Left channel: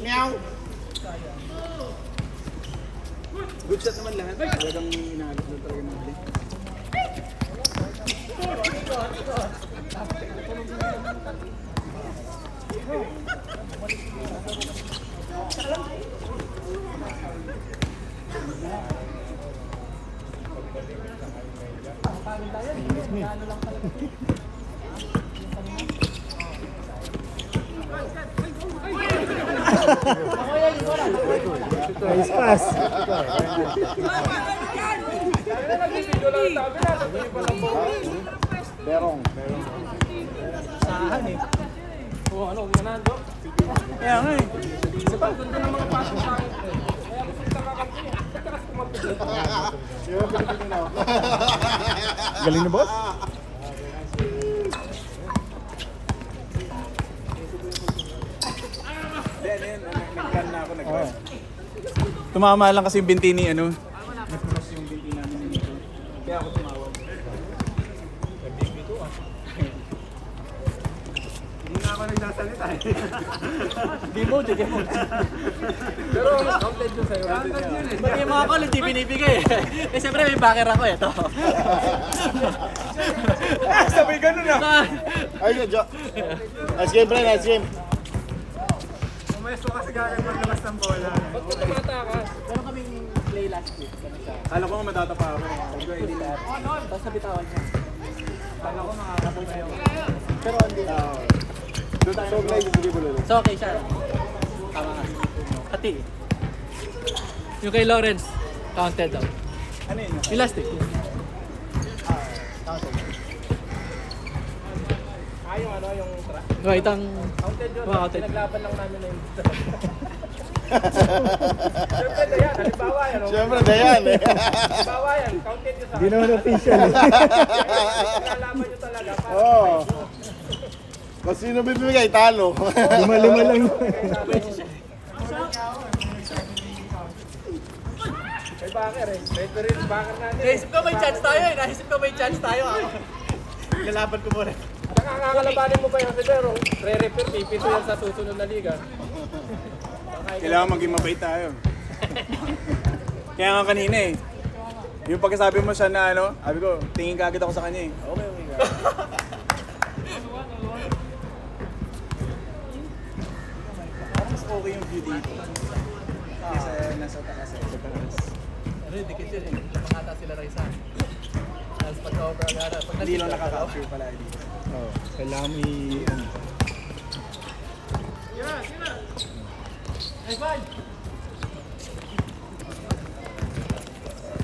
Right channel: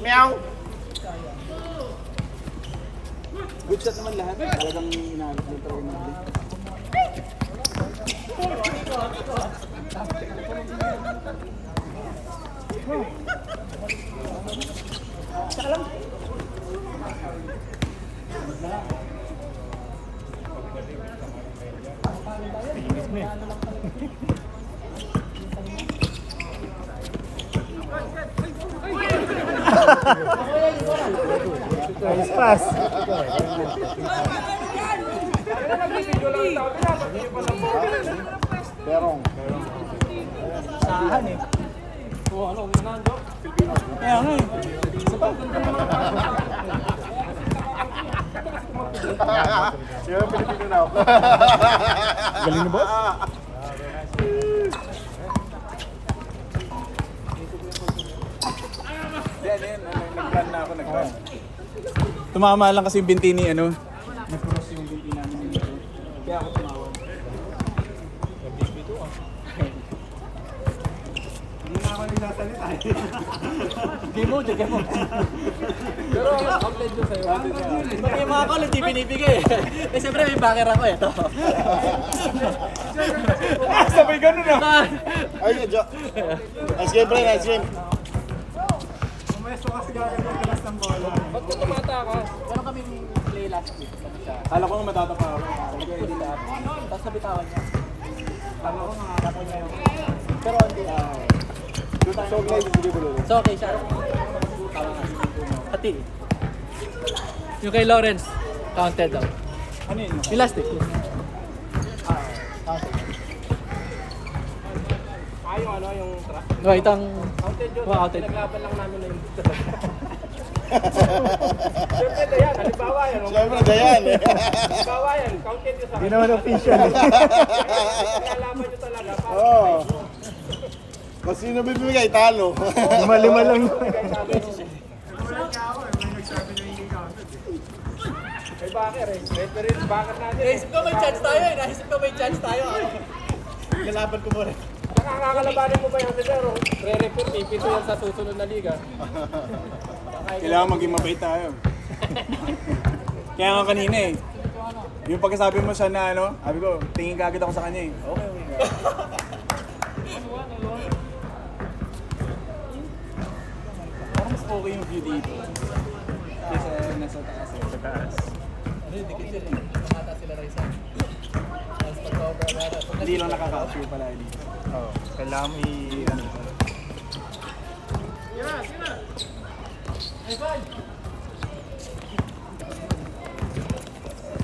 Meow! Good shot naman lahat. Talagang inaanap mo talaga natin. Nice pass. Berong. Sahan eh. Kaya nga eh. Sino Pilipino na ako? Galing ni boss? Nag-run na ako, nag-run. Tumama lang kasi yung binti ni ano. Napunos yung binti namin dito. Kaya ako tumawag. Hindi na ako nagsasalita eh. Game mode, game mode. Pero outlet yun sa'yo. Pati yung mga call, hindi binibigay eh. Siyempre may backer ako eh. Ito. Sabay ganun na. Ay, Jo. Nice game, pre. Nice game. Umesto kasi galing yung labas ng bola. Ba't ka tumatakas? Meron kaming play last week. Alam ko matatapa ako. Hindi lahat. Tapos sa bitawan niya. Pag ako nakakapon niya yun. Pero hindi na. So, play yung sige bulo. So okay siya. Tama nga. Pati. Yung kay Lawrence, counted daw. Ano yun? Yung last week. Right, ang counted. Siyempre, Dayan eh. Hindi naman official eh. Oo. Kung sino bibigay, talo. Lima-lima lang. Naisip ko may chance tayo eh. Naisip ko may chance tayo. Lalaban ko muna. Nakakalabanin mo pa yung pero re-refer pipito yan sa susunod na liga. Kailangan maging mabait tayo. Kaya nga kanina eh. Yung pagkasabi mo siya na ano, sabi ko, tingin ka agad ako sa kanya eh. Mas okay yung view dito. Nasa taas. Ano yung dikit yun eh. Nakata sila Raisa. Tapos pag-cover agad. Pag Hindi nandito, lang nakaka-capture pala dito. Oo. Kailangan mo i-ano.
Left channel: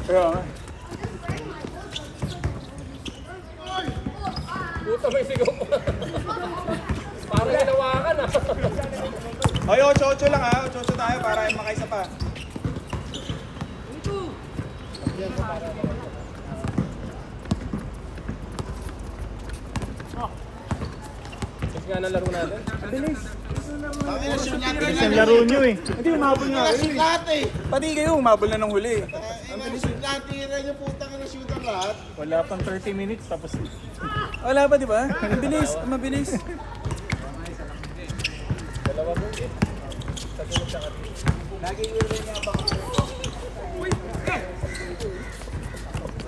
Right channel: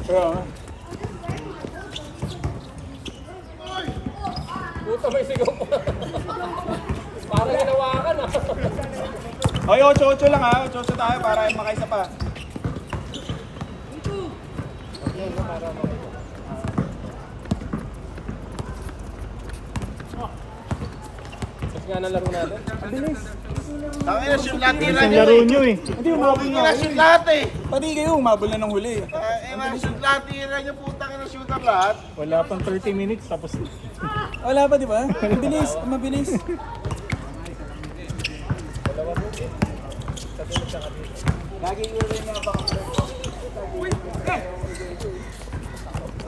Pero, Puta may sigaw pa. Parang hinawakan ah. ay, 8-8 lang ha. 8-8 tayo para makaisa pa. Kasi nga na laro natin. Bilis. Tangin na, shoot natin na Laro nyo eh. Hindi, umabol na. Shoot lahat eh. Pati kayo, umabol na ng huli. Shoot natin na yung putang na shoot ang lahat. Wala pang 30 minutes tapos. Wala pa, di ba? Mabilis, mabilis.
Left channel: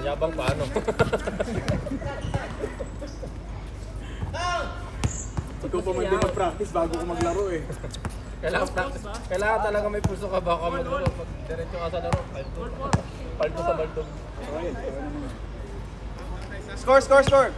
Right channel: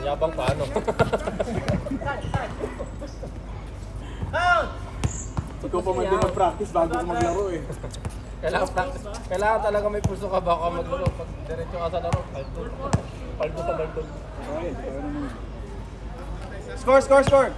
Yabang paano? Ikaw pa man din mag-practice bago ko maglaro eh. Kailangan practice. Kailangan talaga may puso ka baka maglaro. Pag diretso ka sa laro. Aldo sa laro. Score, score, score!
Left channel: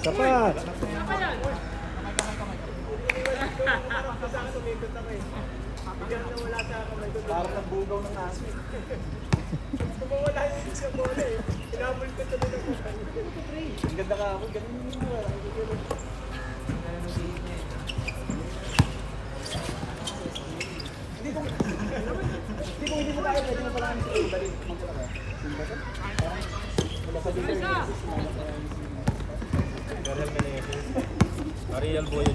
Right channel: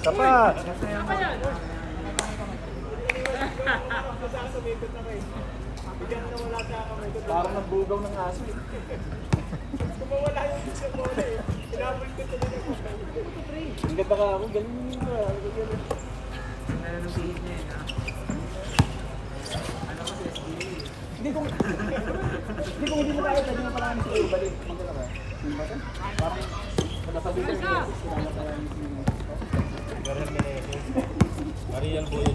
Isa pa. Ang ganda ka ako, ganyan yun ba? Mariel Boyo.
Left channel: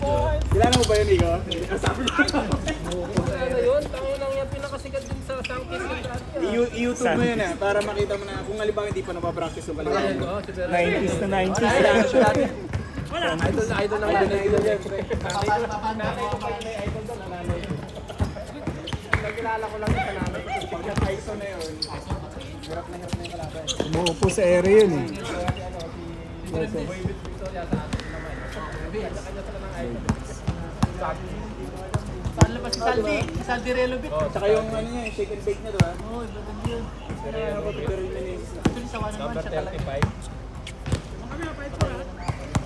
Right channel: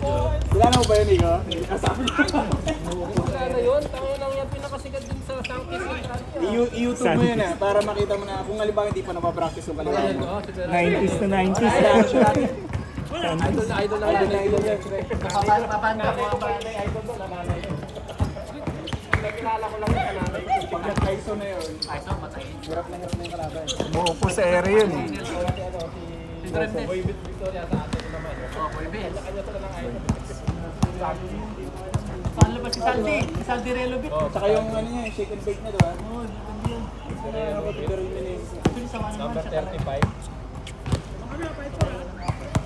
Kilala mo ba yun, Nico? Sabi Wala na yun. Tango lang yan pinakasikat din sa Sangkis. I-YouTube mo yun para makita mo na kung halimbawa hindi pa napapractice yung kaliwa mo. 90s to 90s. Idol na yan. Umuupo sa area yun eh. Oh, tsaka yung ano niya, shake and bake na, diba? Number 35.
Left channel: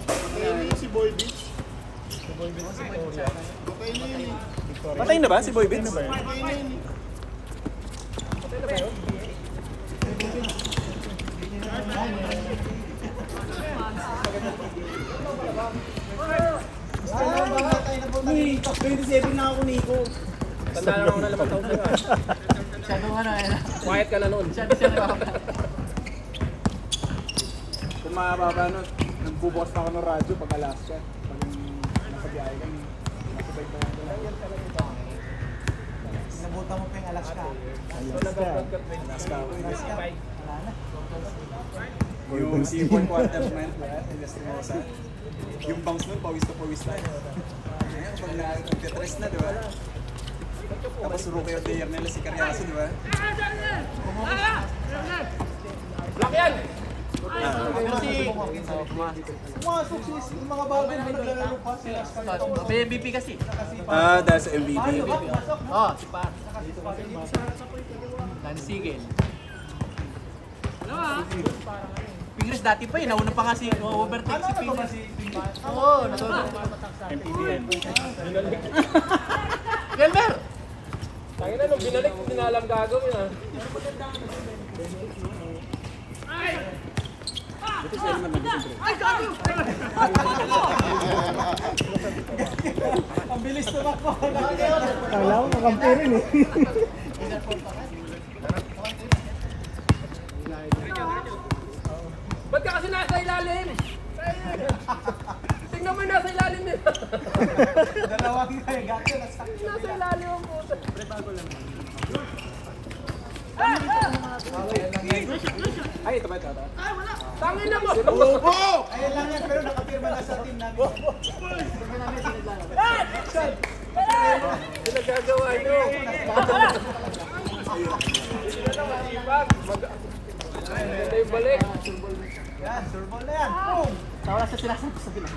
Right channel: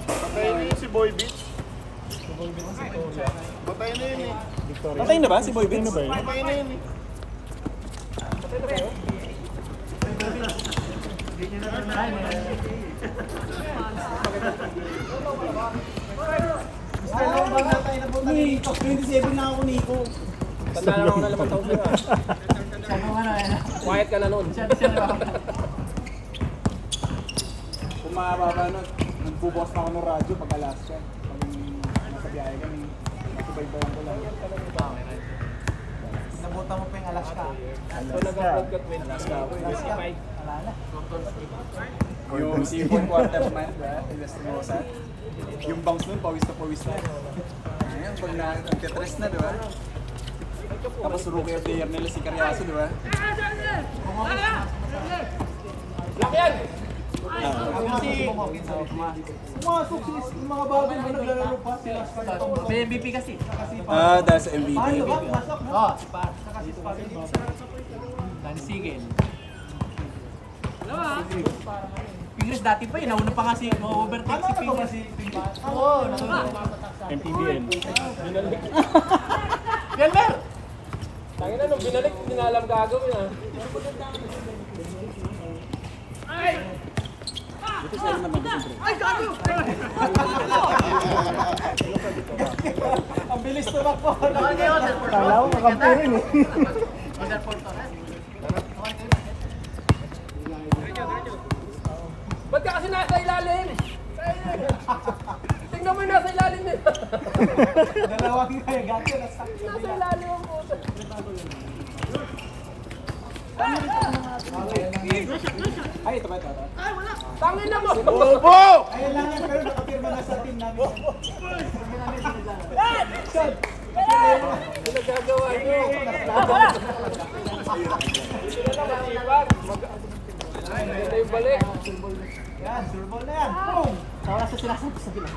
Patay na yun si Boy Beach. Patay na yun eh. Patay na ba si Boy Beats? Patay na yun eh. Uy, 27 na ako, Nico. Tanda lang ako na 8 taon sa'yo. Quiet ka na nun. Kung makababa na, nagbubukas na ako ng radyo pag alas ka. Nabutan mo pa yung Alaska. Yung seafood quarter na, Inestrosa. Yung bangs nun, pawis na. Ayan, pag nagka-tres na, diba? Tapos rookie of the year nila si Carriazo, diba? Lock yan! May MVP kasi. Ah, dahil sa MVP. Sigel. Dalawa. Pingles dati pa yun. Nauna pa kasi overtake si Pingles. Oo, nauna. Gelber! Tangin na, nung binalik, hindi na alam gagawin ah. Ang bilis tumakbo. Kala ko kakampi rin eh. Ba't ka kasi nasa ilalim? Tingnan mo yung nasa ilalim nila. Dalawang gato. Nasa ilalim ang puto. Ay, ito ba ito? Tangin na mo! Opo! Ayun lang yun, pero nakapirma na sa team namin. Pinagagawa nyo. Ito yung balik. Yan, surbol na yan. Boom! Nawasa sila sa gilid.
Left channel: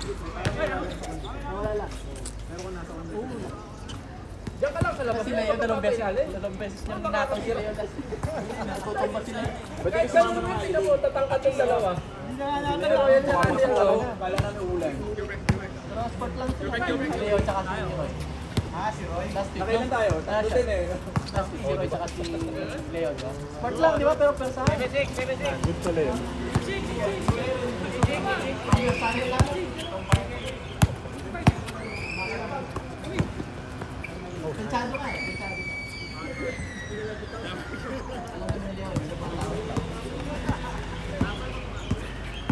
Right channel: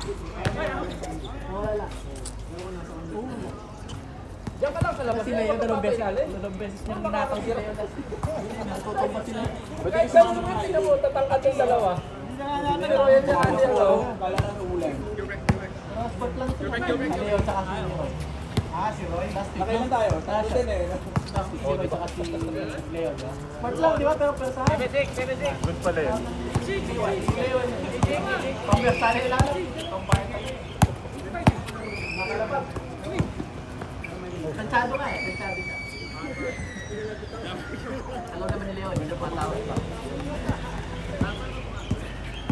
Diyan ka lang sa labas. Sila yun, dalawang beses. Ilalim. Dalawang beses niya ninakaw sila yun. Natutuwa sila. Kahit ganun naman, tingnan mo, tatangkat yung dalawa. Tingnan mo yan sa kanya, no? Kala na umulan. Nakailan tayo? Tatlo din eh. Di ba pero sa... Good pala yun. Kansyado ka eh. Kansyado ka. Alam naman ni Leon, yun ang tawag.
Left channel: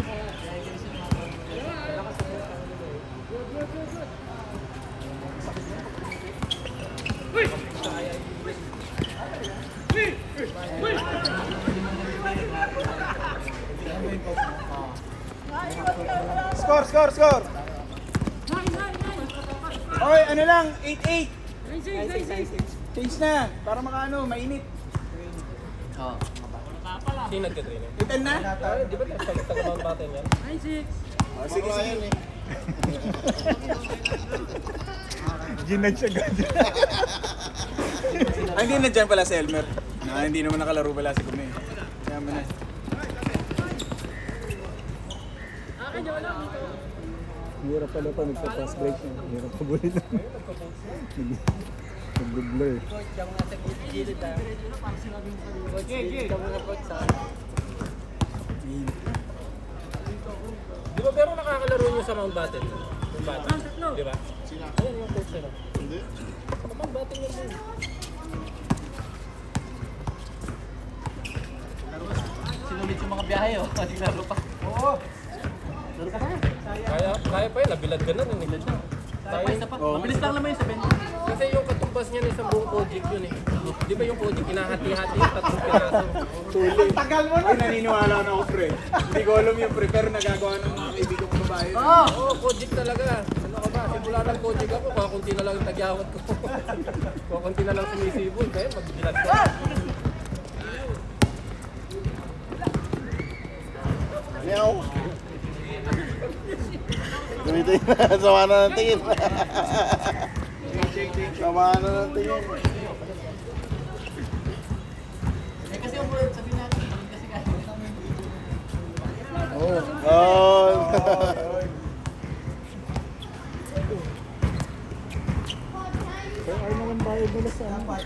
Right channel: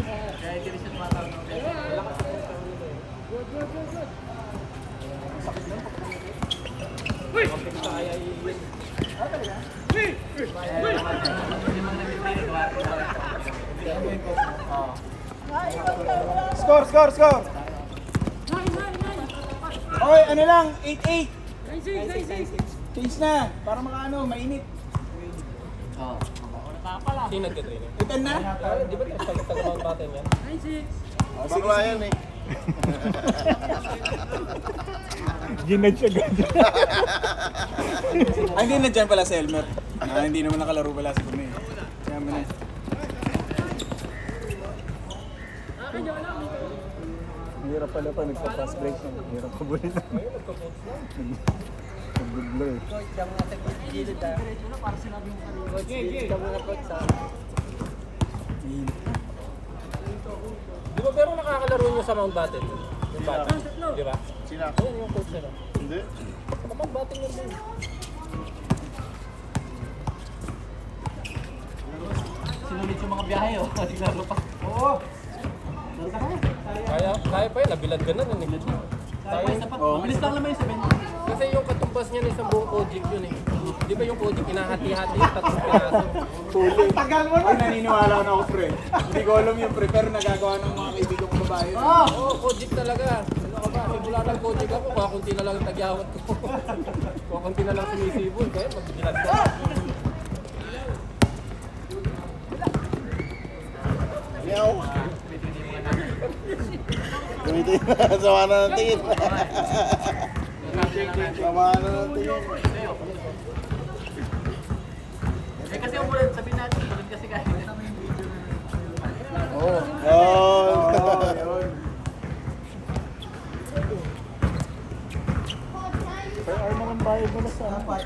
Kaya hindi siya tumatawag. Score! Okay, ano lang, 8-8. Change na, para makaano, mainit. Sino nagka-trainer? 8-10 na? Ay, di ba taga-mount natin yan? Bakla yan eh. Ginadge agad. Ay, hindi na dyan pala si Elmer. Hindi naman nakalaro pala si Pune. Hirap pala pa nagpa-pass break. Hirap pa bulit. Nag-good Blur. Coach, yung nasa gilid ah. Coach, gilid ka muna coach sa... Di ba pero nakakalaro nyo sa Mountbatten? Yung bata? Di ba? Sina? Ayan yung coach nila. Hindi. Sa Mountbatten yun din. Sinulit yung mga biyahe, oh. Naglaro pa. Kaya pa yun, nabilad ka na nun eh. Tayo, Mabilis lang naman yung 7. kasi yung katumbas niya na isang buong Kojic yun eh. Di ba yung Kojic, hinahati-hati yung 3 piraso. Huli. Ay, naniniwala na ako, pre. Hindi ko alam yung pre, pero nagagawa ng mga kaibigan kong babae. Oo, Kojic talaga. Simula ng Kojic ako, kakunti na lang ang tagyawat ko. Kakunti na lang sumisibol, kaya magbilad ka. Meow. Gamitin na. Sama na ng tingin. Sama na ng tingin. Eh kasi yung word, sabihin natin, pagod kasi kaya. Oh. Per hour naman bayad mo na sa ano? Per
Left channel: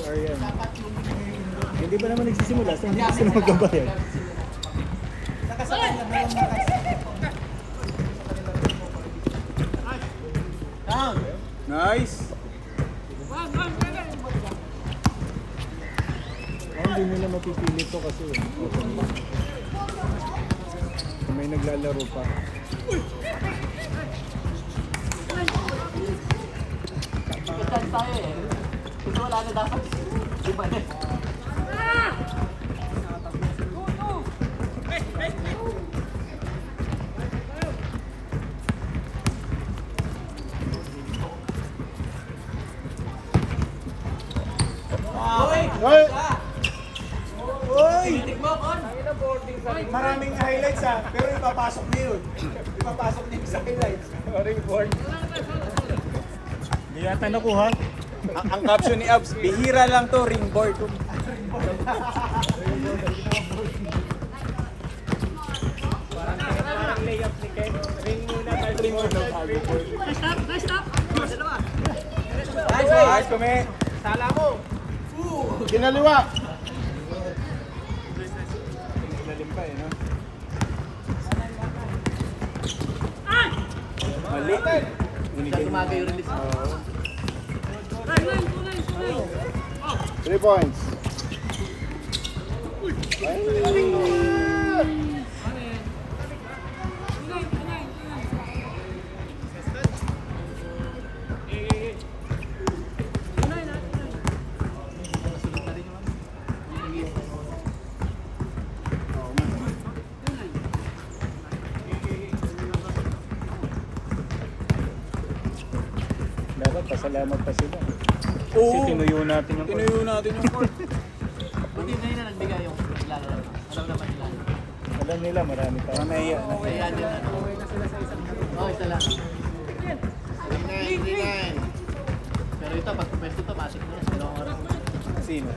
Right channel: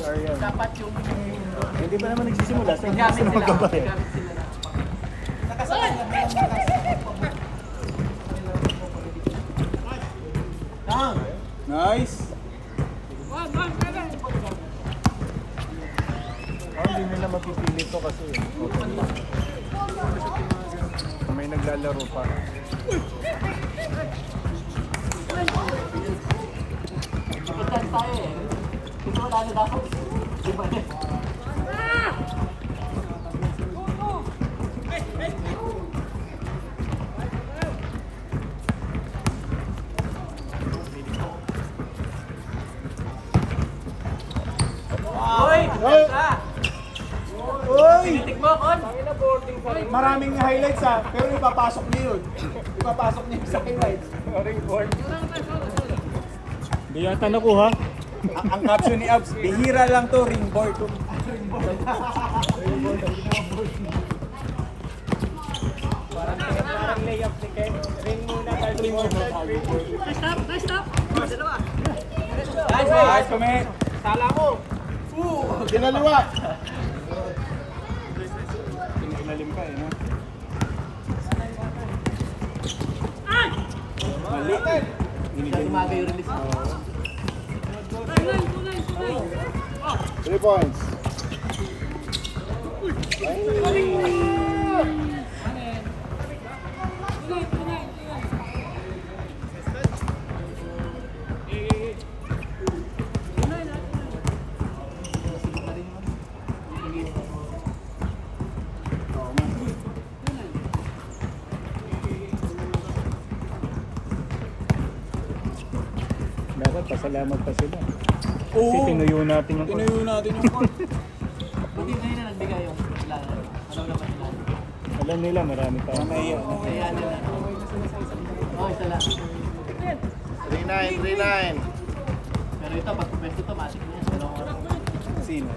hour yan. Dapat yung Hindi ba naman nagsisimula? Saan gusto na magbabayad? Nice! Hindi nila mapipili to kasi may naglalaro pa. Hoy! Hoy! Uy! Titik mo, Kon! Maraming highlights ha, pero ipapasok niyo yun. Ipapasok niyo sa highlights. Hindi yata nakuha. Ang caption ni Abs, bihira lang to, ringboard. Nice, nice, kami. Tala ko. Kinaliwa. Ilalim ka eh. Mali. Hindi mabi yung release. 3 points. Meron pasalamat pa sila. Kasi Oo. tinuyo natin yung Tinuyo natin yung court. Buti na yun nagbigay yung laro. alam nila marami pa. Naiya. Kaya nila. Oh, isa lang. 3-9, 3-9. Pero ito, pag pwesto ito, matik na yun. Sino?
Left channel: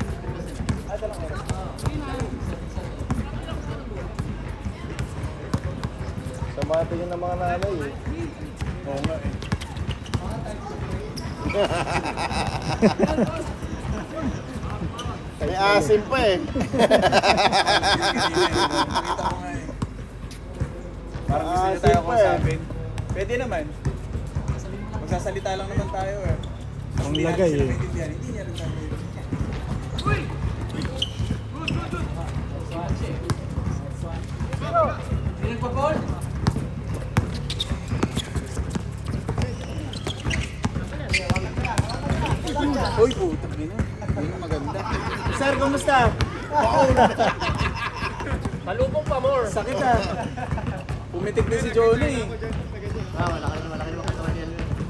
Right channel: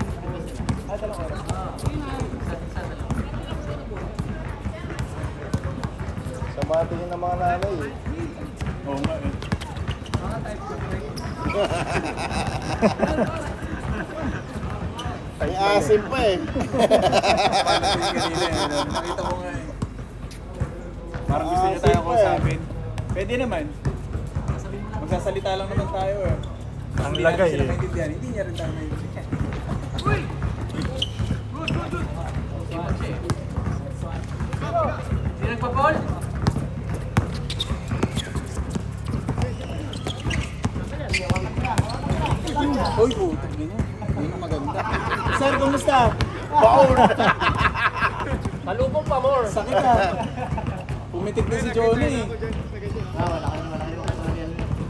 Sama tingin ng mga nanay eh. May asim pa eh. Nakita ko nga eh. Parang gusto niya tayo kausapin. Pwede naman. Magsasalita lang naman tayo eh. Ang Hindi lagay natin sila eh. maintindihan. Hindi niya rin tayo maintindihan. Hindi nagpa-ball? Uy, puto. Yun ang maganda. Sir, kumusta? Talubong pa more. Sakit ah. Pumitik na si Johnny.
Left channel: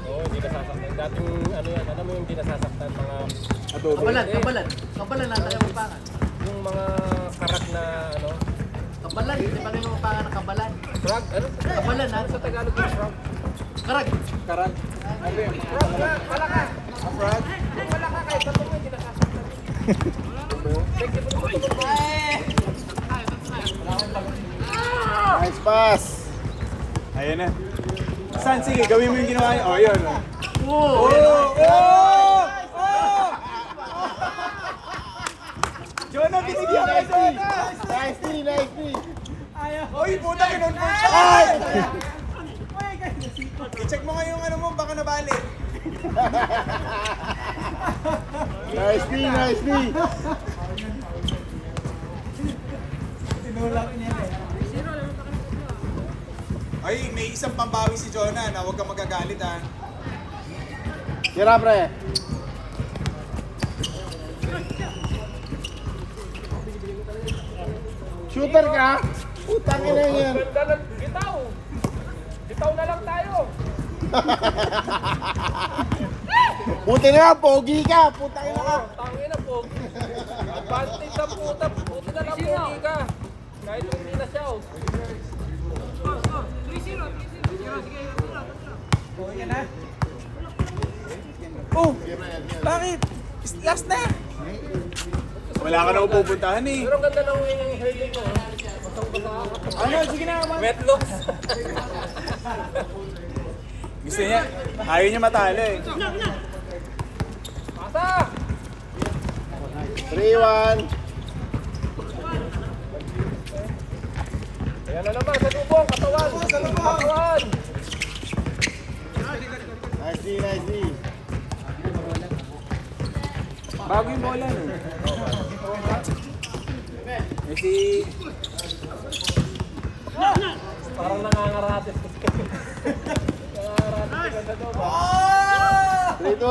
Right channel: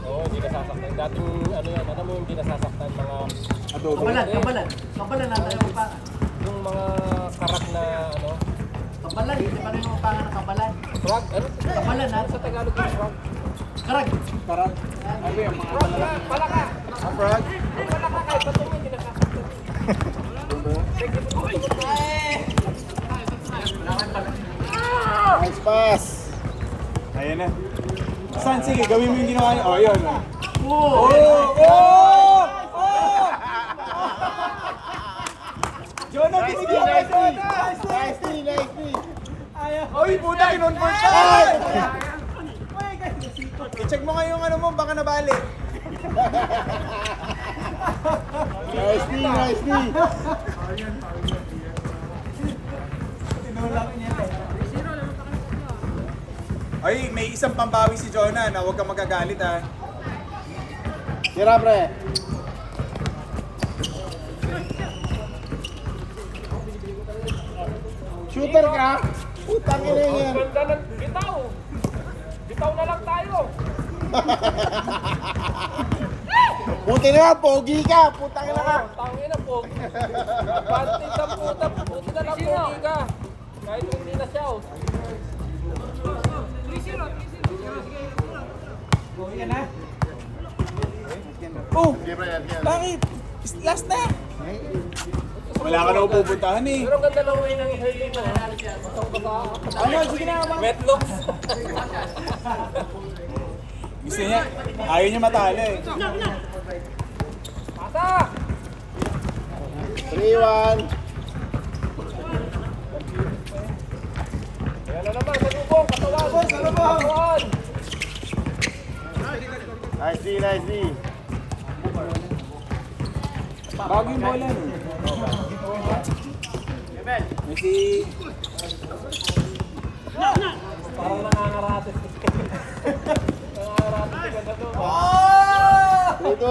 Oo, hindi nasasaktan. Dating ano yan, ano mo yung hindi nasasaktan mga Adobe. Kabalan, kabalan. Kabalan na tayo pa. yung mga karat na ano, Kabalan, hindi pa rin yung pangalan kabalan. frog, ano? Kabalan ha? Sa Tagalog yung frog. Karag. Karag. Frog. Nice pass. Ayun na. Saan? Sige, gawin mo yung ginawa niya. Oh, yun. Oh. Ay! I-check mo nga yung ano mo, baka nabali. Nice D, nice D. Ay, may isang pambawi si Jonah na huwag kang magagalit ha. Tira, pre. Shooter ka? Putang ina yan. Bitaw na lang tayo. Buti na nga, pogi ka. Putang ina ka. Tangin na po. Panting sa puta. Buti na lang pogi ka. Kahit hindi na siya. Oh, Sige, pre. Yan. bakit? Last na. Wala ka na pupuntahan eh. Pero ang ganda lang ngayon ng hurling mo. Ano, sige na. Wet looks. Gusto niya, ayaw niya matalo eh. 3-1. Nice D, nice D. Bago yung bola eh. Messi.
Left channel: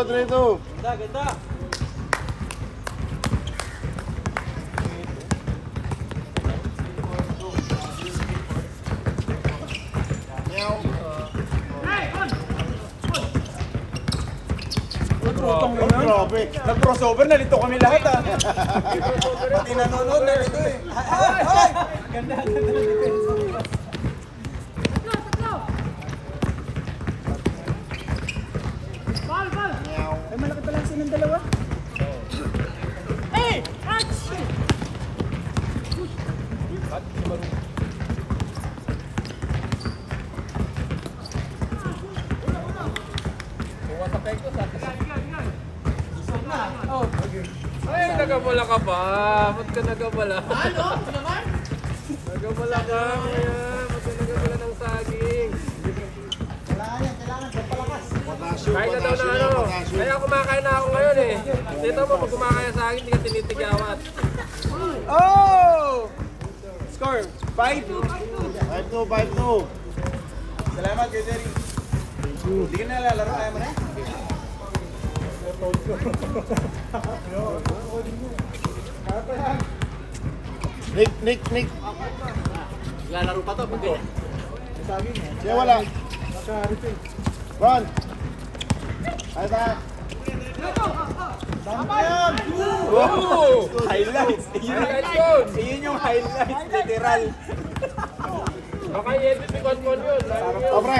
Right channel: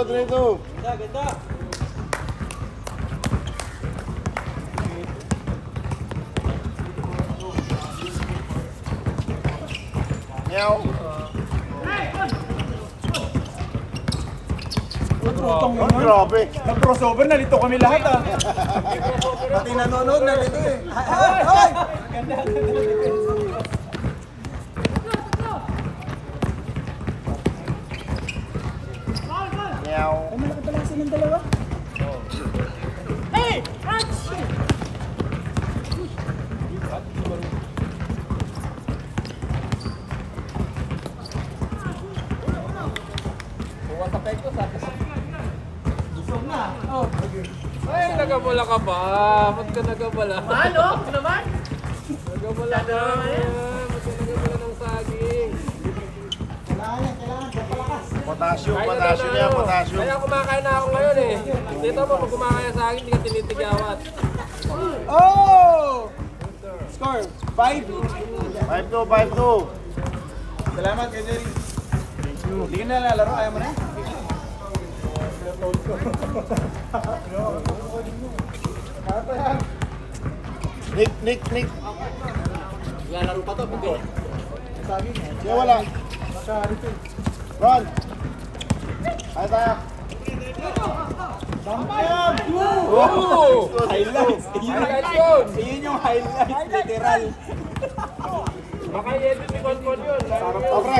3-2. Meow. Oh, grabe. Nag-crossover, nalito kami lahat ah. Pati nanonood, nalito eh. Ay! Ay! Meow. Ay, nagabala ka ba? Ba't ka nagabala? Ano? Naman? Nagabala ka. Ba't ka nagabala ng saging? Potassium, Kahit potassium na yan, ano. potassium. Kaya kumakain na ako ngayon eh. Dito mo, pag kumakain sa akin, hindi ka tinitigawat. Oh! Score, 5. 5-2. Salamat kay Jerry. Hindi ka na lalaro, kaya mo na. Nick. Lalaro pa to, pati. Siya wala. Ron. Ay tayo. Oh! Highlights. Highlights yun! Iyon yung highlights, literal. Baka i-edit ni Kwan yun. O, pre.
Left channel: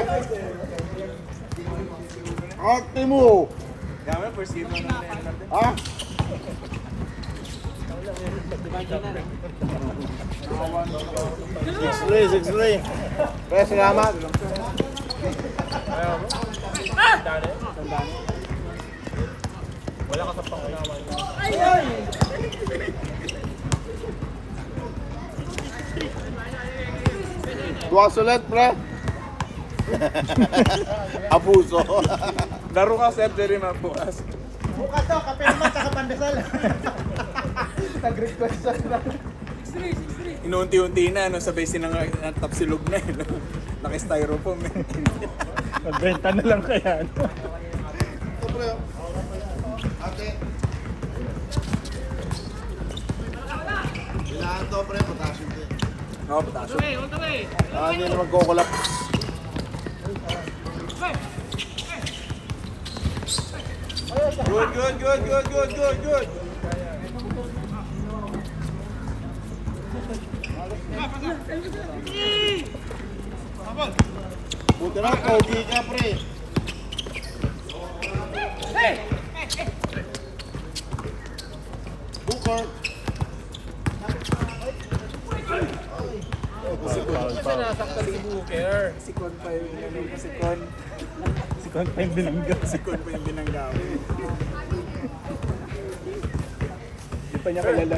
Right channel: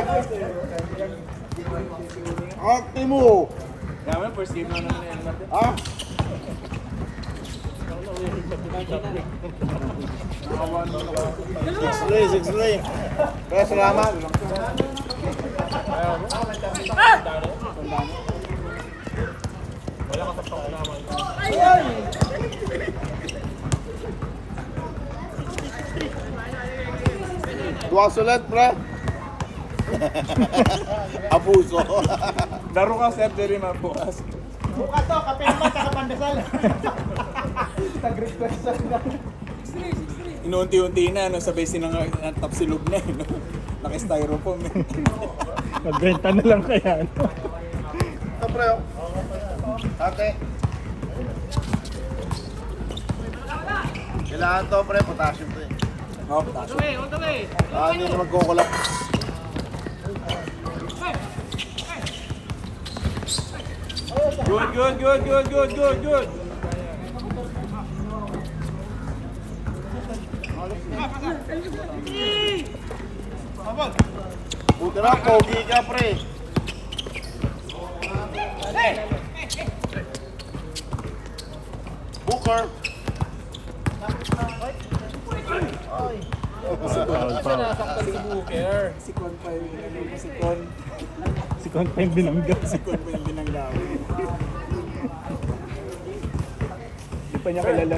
Arte mo. Yaman, first game lang na yan. Ha? Six lay. Pre, salamat. Tuwas ulit, pre. Abuso. Laro ka, Sir Jerry, mga bukas. Inuunti-unti na, no, sabay tapsilog na, no? Naka-styrofoam. Eh. Magbenta na lang kaya. Ito, pre. Ate. Kailangan to, pre. Potassium to eh. Oh, On the way! Hindi na magkukulap. good. Buti na, pogi ka, pre. Booker. Kasi nasaktan yung Booker. Sikon pa yung sikon. Si Kong pa yung binangga. Sikon pa yung binanggawin. Hindi pa niya kilala.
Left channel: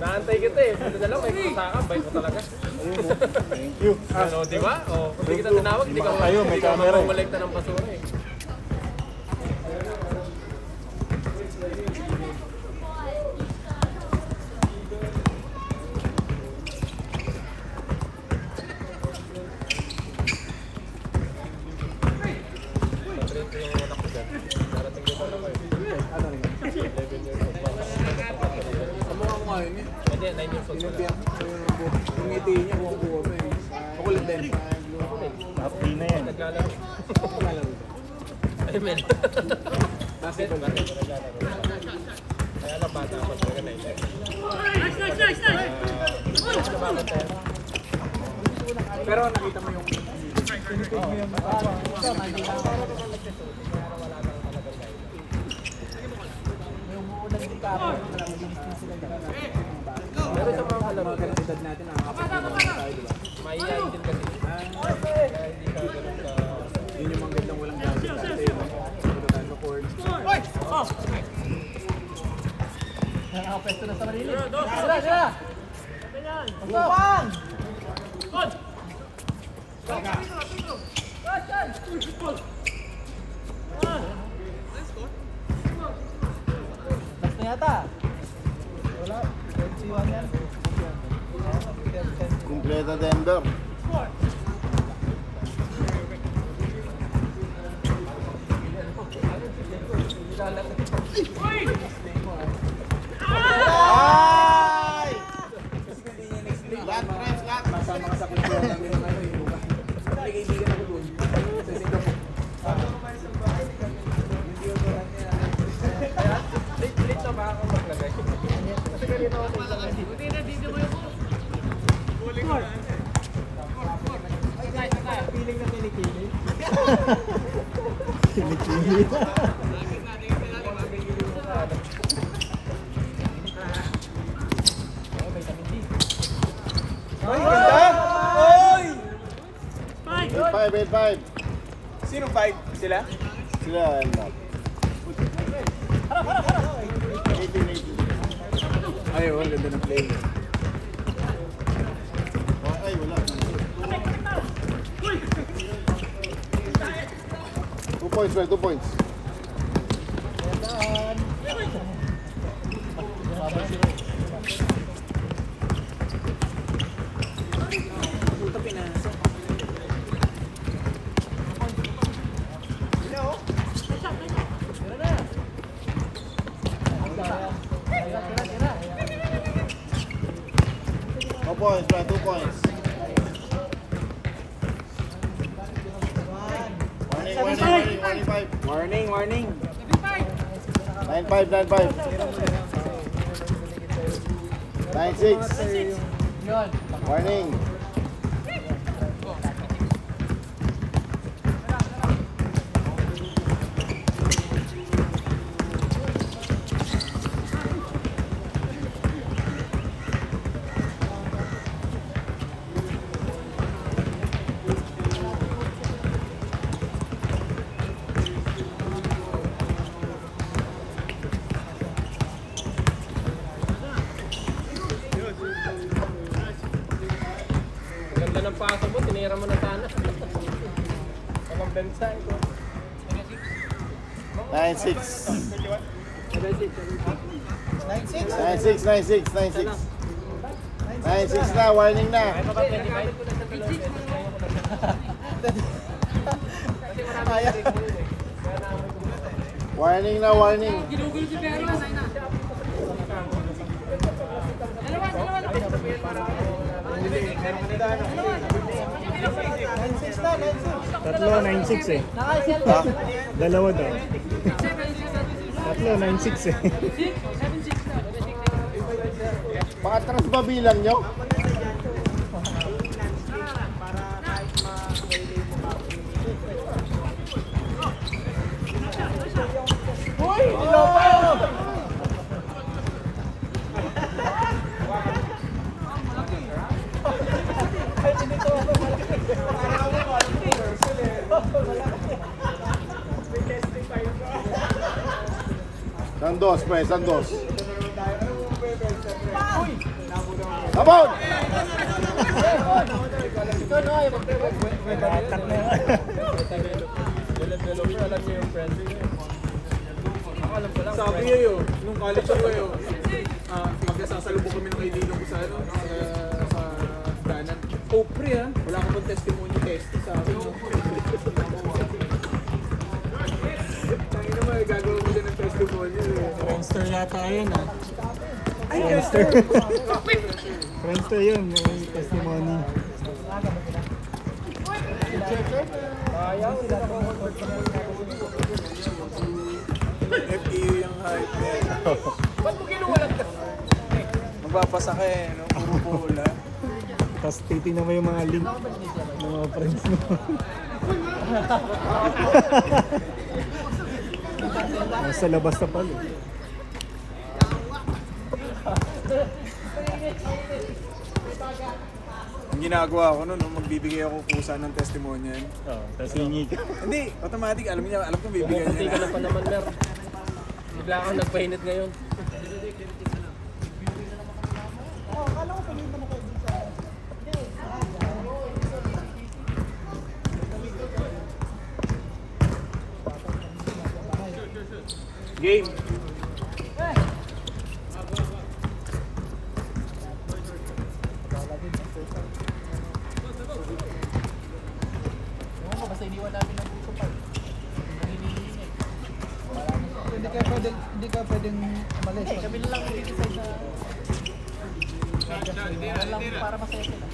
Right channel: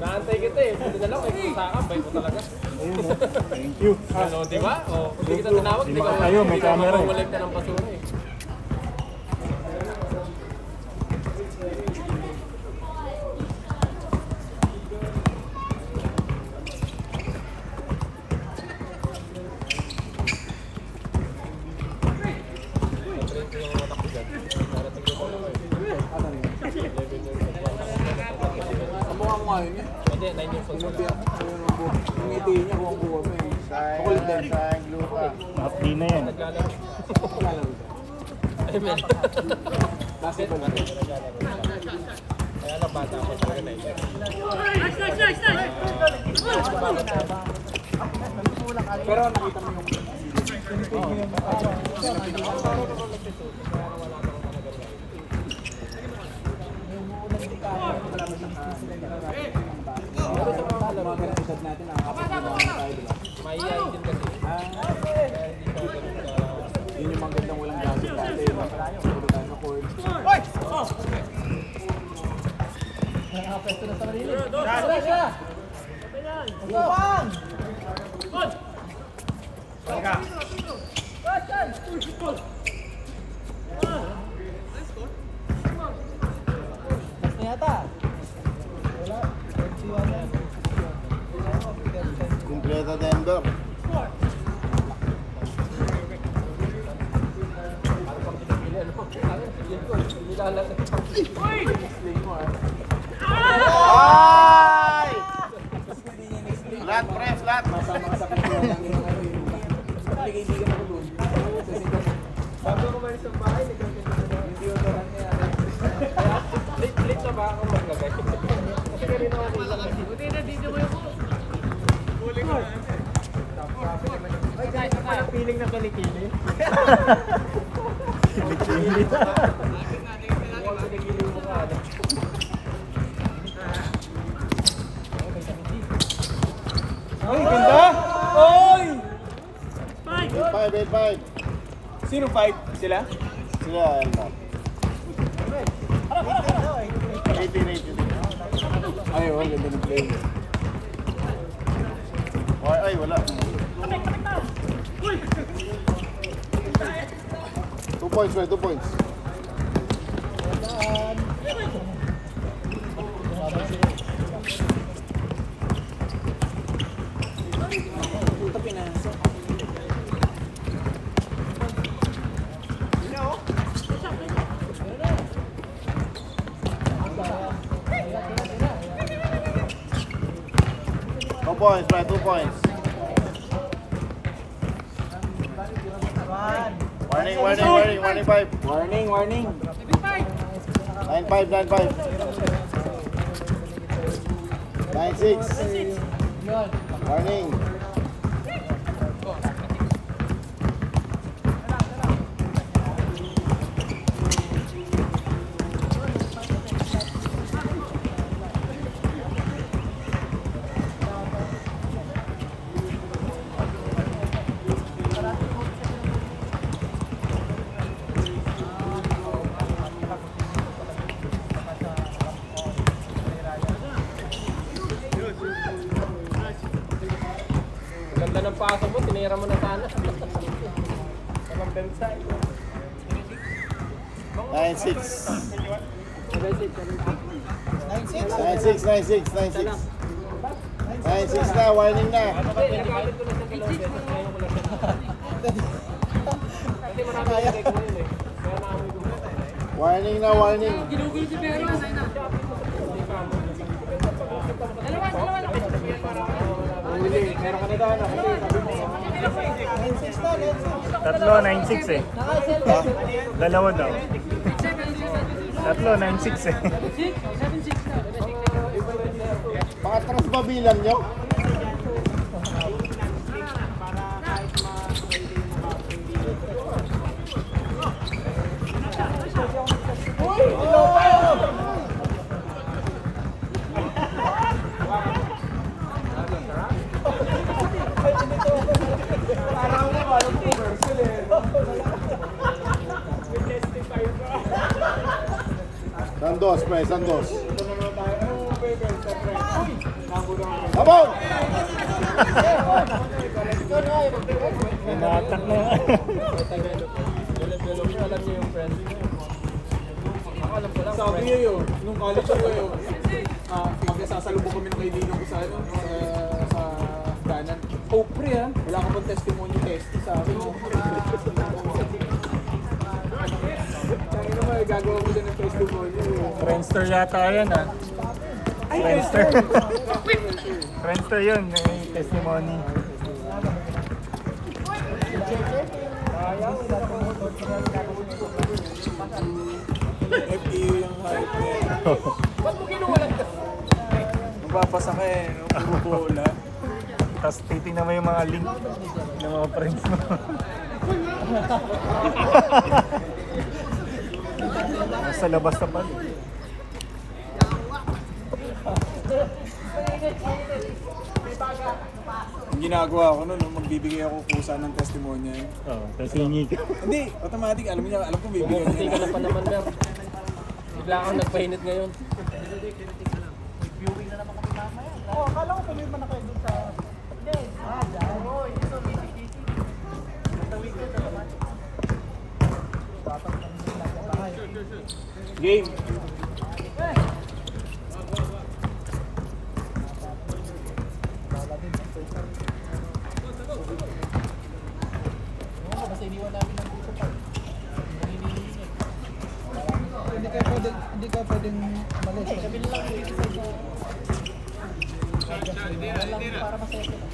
Naantay kita eh. Buti na lang, may kusakang. Bay ko talaga. Ano, di ba? O, hindi kita tinawag, hindi ka mamangolekta ng basura eh. Ang mukha mo ngayon niya. Hindi, 9 years old. Yung ngiti niya, buong buo mo eh. Makulit din. Sayang gluta. Di na yan. Naglalaro. Ay, men. Basketball ba? Kaya lang bata pa talaga 9 years. Pero nakita mo yung... Mga pinagdad natin ang Maiyain din kasi. yun yung mga gandang walang gamit natin. Pagdadaan ko court. Kumpleto Denver. Ay! Lat, press, lat. Mga sakit yun lang yung ano yung... Kaibigan ako doon. Feeling na kilikili. Eight five. Sino fight? Sila? Sila, ano? 18. Ay, wala ganda ng play. Ay, wala. 2 points, man, 2 points. Puta pinasa. No points, man, 2 points. Warning, 5. Warning, warning. 9-5. 9-6. Warning. Ganda ng paso mo, tinira mo na sana. 9-6. 9-6 na, warning na. Warning na, warning. Ginugol si Pero. Dalawa lang. Tatlo, 9-6 eh. Dalawa daw. Tatlo, 9-6 eh. 7-6 na. Pakatras ba bilang nyo? Sandos, pre, Sandos. Abon! Ikaw na ay mag-try. Nag-attack na yan. Develop alam niyo yung friendly na yun. Ako alam ko lang. Sabi yun, nung college ako yun, pagkasasalubong kami ng kaibigan ko sa ano, sa danan. Oh, pre ha, wala ka pang testimony test sa akin. Kaya naman, gagawa mo din ng testimony. Friendster yata yan ah. Friendster. Friendster yun, may testimony. FTU yung hype. Ba't mo kinuwalan ka? Babasa ka eh, wala. Tapos titignan mo yung mga link ng mga friends mo. Sa labas na pala. Ang ginagawa ko nun, nung magbibigay ako kusa ng testimonial. Tapos hingi ka. Hindi, automatic, alam kong bibigyan Bumuputi ka niya. na pa naman, Mer. Bigla kang nagpahinit ngayon. Game. Basta iniwan namin ng puso pa. Hindi ka pwedeng umalis. Kami lang dito sa para masaya sila.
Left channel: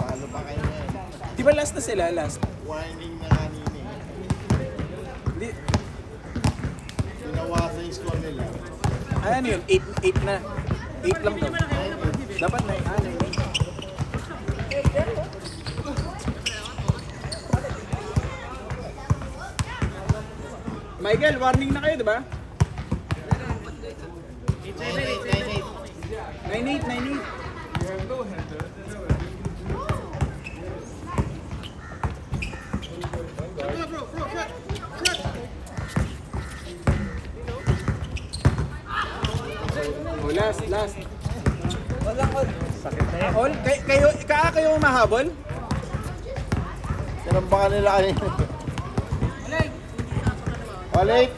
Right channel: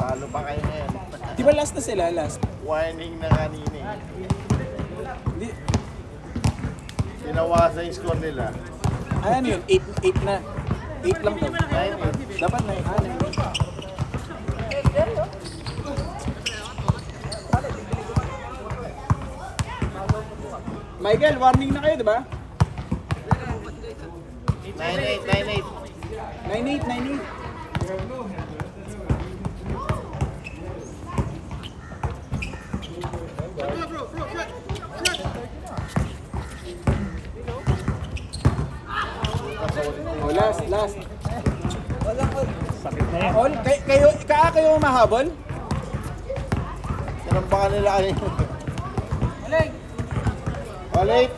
Talo pa kayo ngayon. Di ba last na sila, last? Warning na kanina eh. Hindi. Tinawasan yung score nila. Ano yun? 8 na. 8 lang to. Dapat na. Ano yun? Michael, warning na kayo, di ba? 9-8, 9-8. 9-8. Oh, last. Walang all. All? Kayo mahabol? Tinambakan nila kanina. Ulit!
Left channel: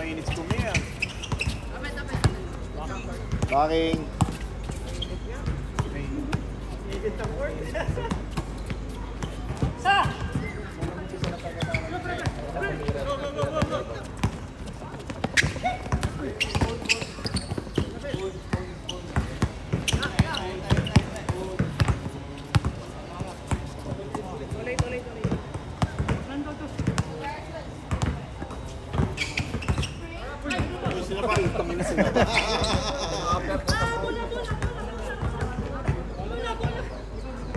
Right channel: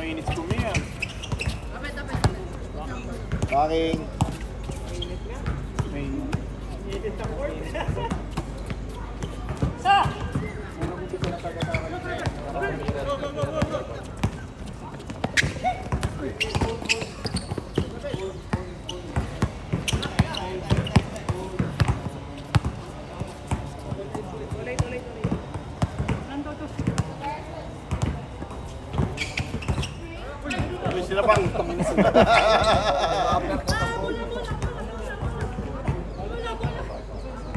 Mainit kumiya. Backing. Sila pa.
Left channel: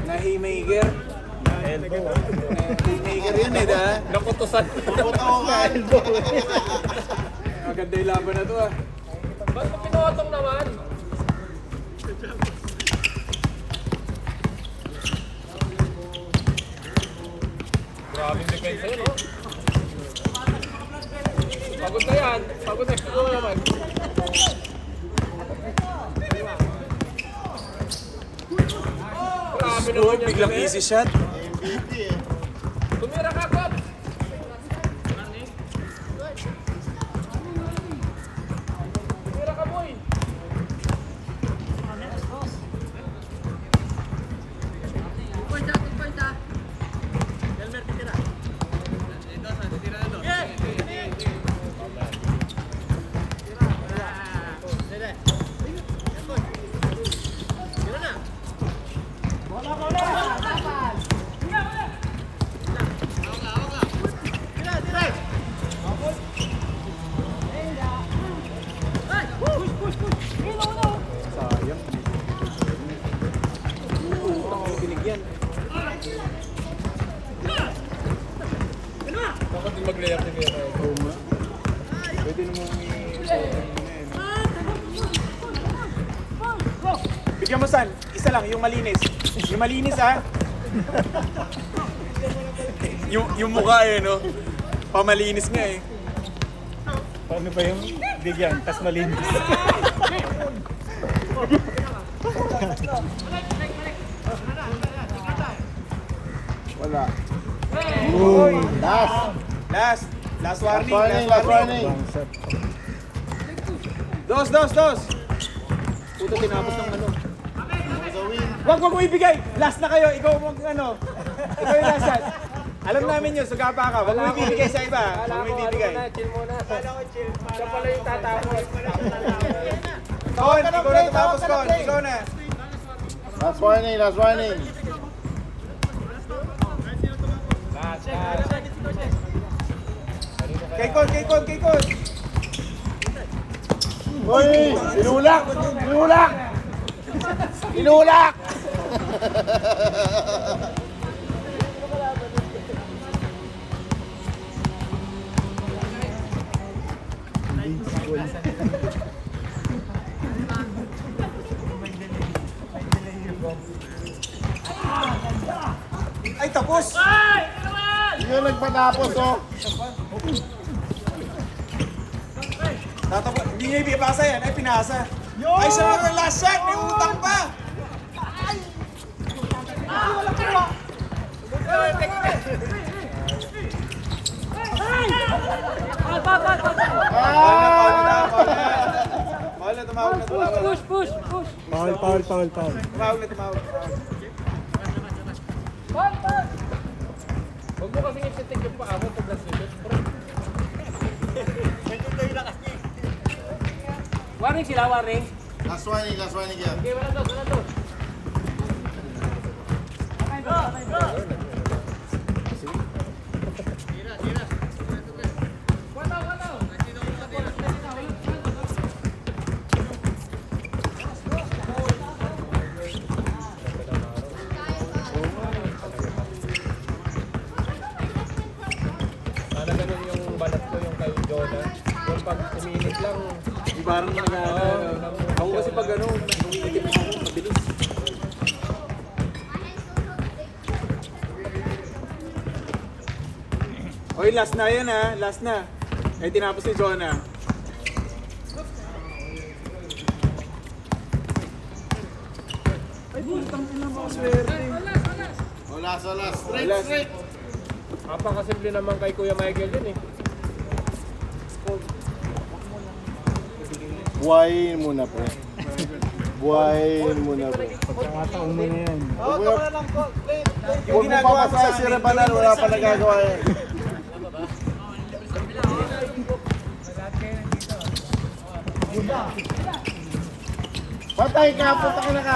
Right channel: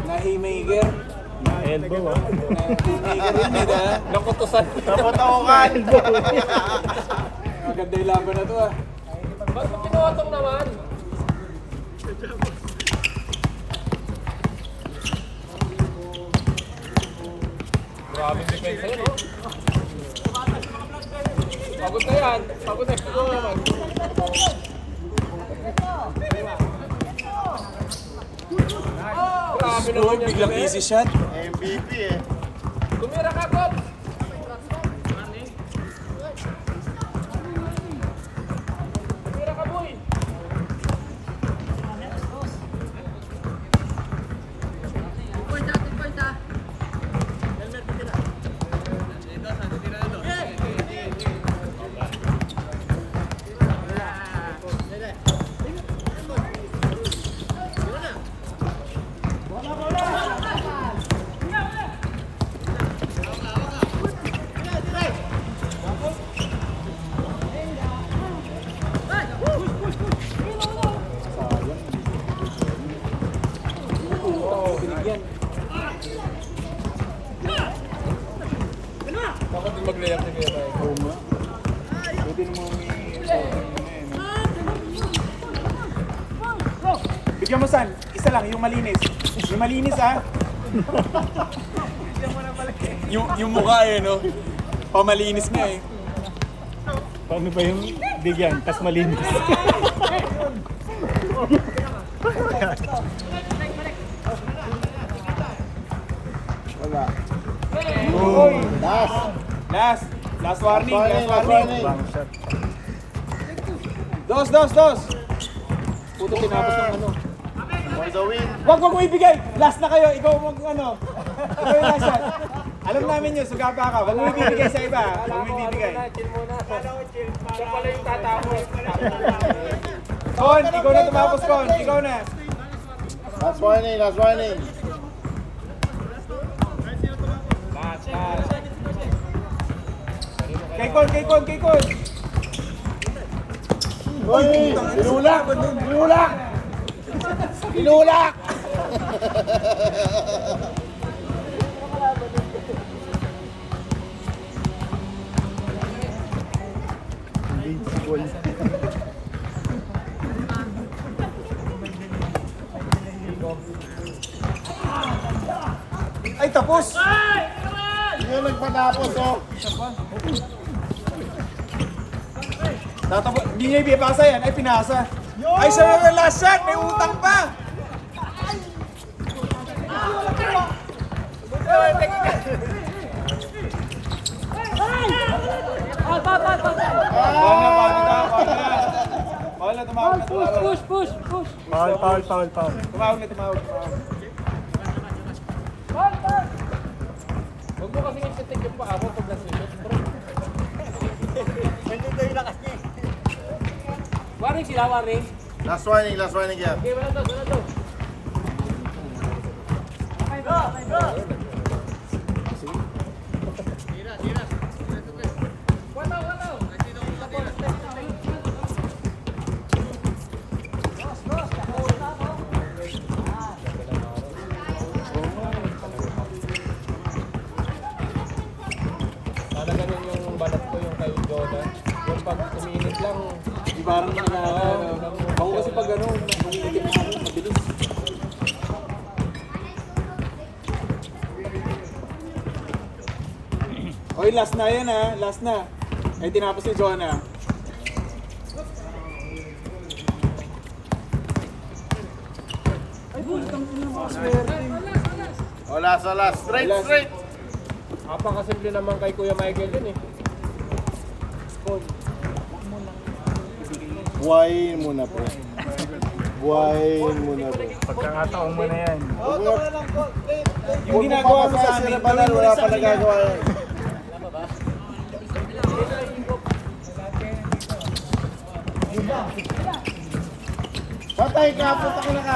Nahimigger. Nahimigger yun eh, da. Nakutusan. Naputawakan. Maganda yung laban na to ah. Ba't mo pinuotong naman? Grabe yung defense yun, oh. Pagod na yan. Pagod na yan. Grabe naman yan. Biglang easy shot. MVP eh. Tumira ka, Kot! Binigyan. Bakit di mag-layup ni Kuya Ray? Oo nga. Pwede naman. Bigyan mo San, isa lang, yung malinis. Yung malinis ah. yung mukha eh, no? Pamalinis nga eh. Ano ba yung bigyan? Tas malinis. Wala. Last. Last warning. Last warning. Bang shot. Dos. Puto tinapos ng ano. For the win. Wag mo ibigay. Last na kayo. Ikaw mag ano. Ikaw yung last shot. Alam namin yun, sugapa ka. Wag mo ibibigay sa iba. Wag mo ibibigay. Kon, ikaw na tapos, Kon. Ikaw na. Last warning. Kay Kon. Hoy! Inulak! Ay, tapos. Yun nagpatapos, oh. Tatapos. Hindi niya ibibasa yan. Ay, pinasa. Ay, siya yung last shot. May utang pa. Push. Foul. Huwag mo kasi i-take yung paa mo pag nasulit. Warning sila, warning. Last warning yan. Okay, wala to. Sana ganun yung balat ko yung kay Jordan. Yung pag umiinit lang, Di parang ako kasi pag ano, mabilis. Okay, last na yan ha. Last na. Eh, tinapos ni Jonah. Wala. Straight. napakasimple naman kay Kuya Michael din eh. Buhayin mo na, pre. Buhayin mo na, pre. Pagkakataon mo na yan. Huwag mo papasaya si Rebanan, wala pa nagagawa yan. Patay ka, punta ka na ka.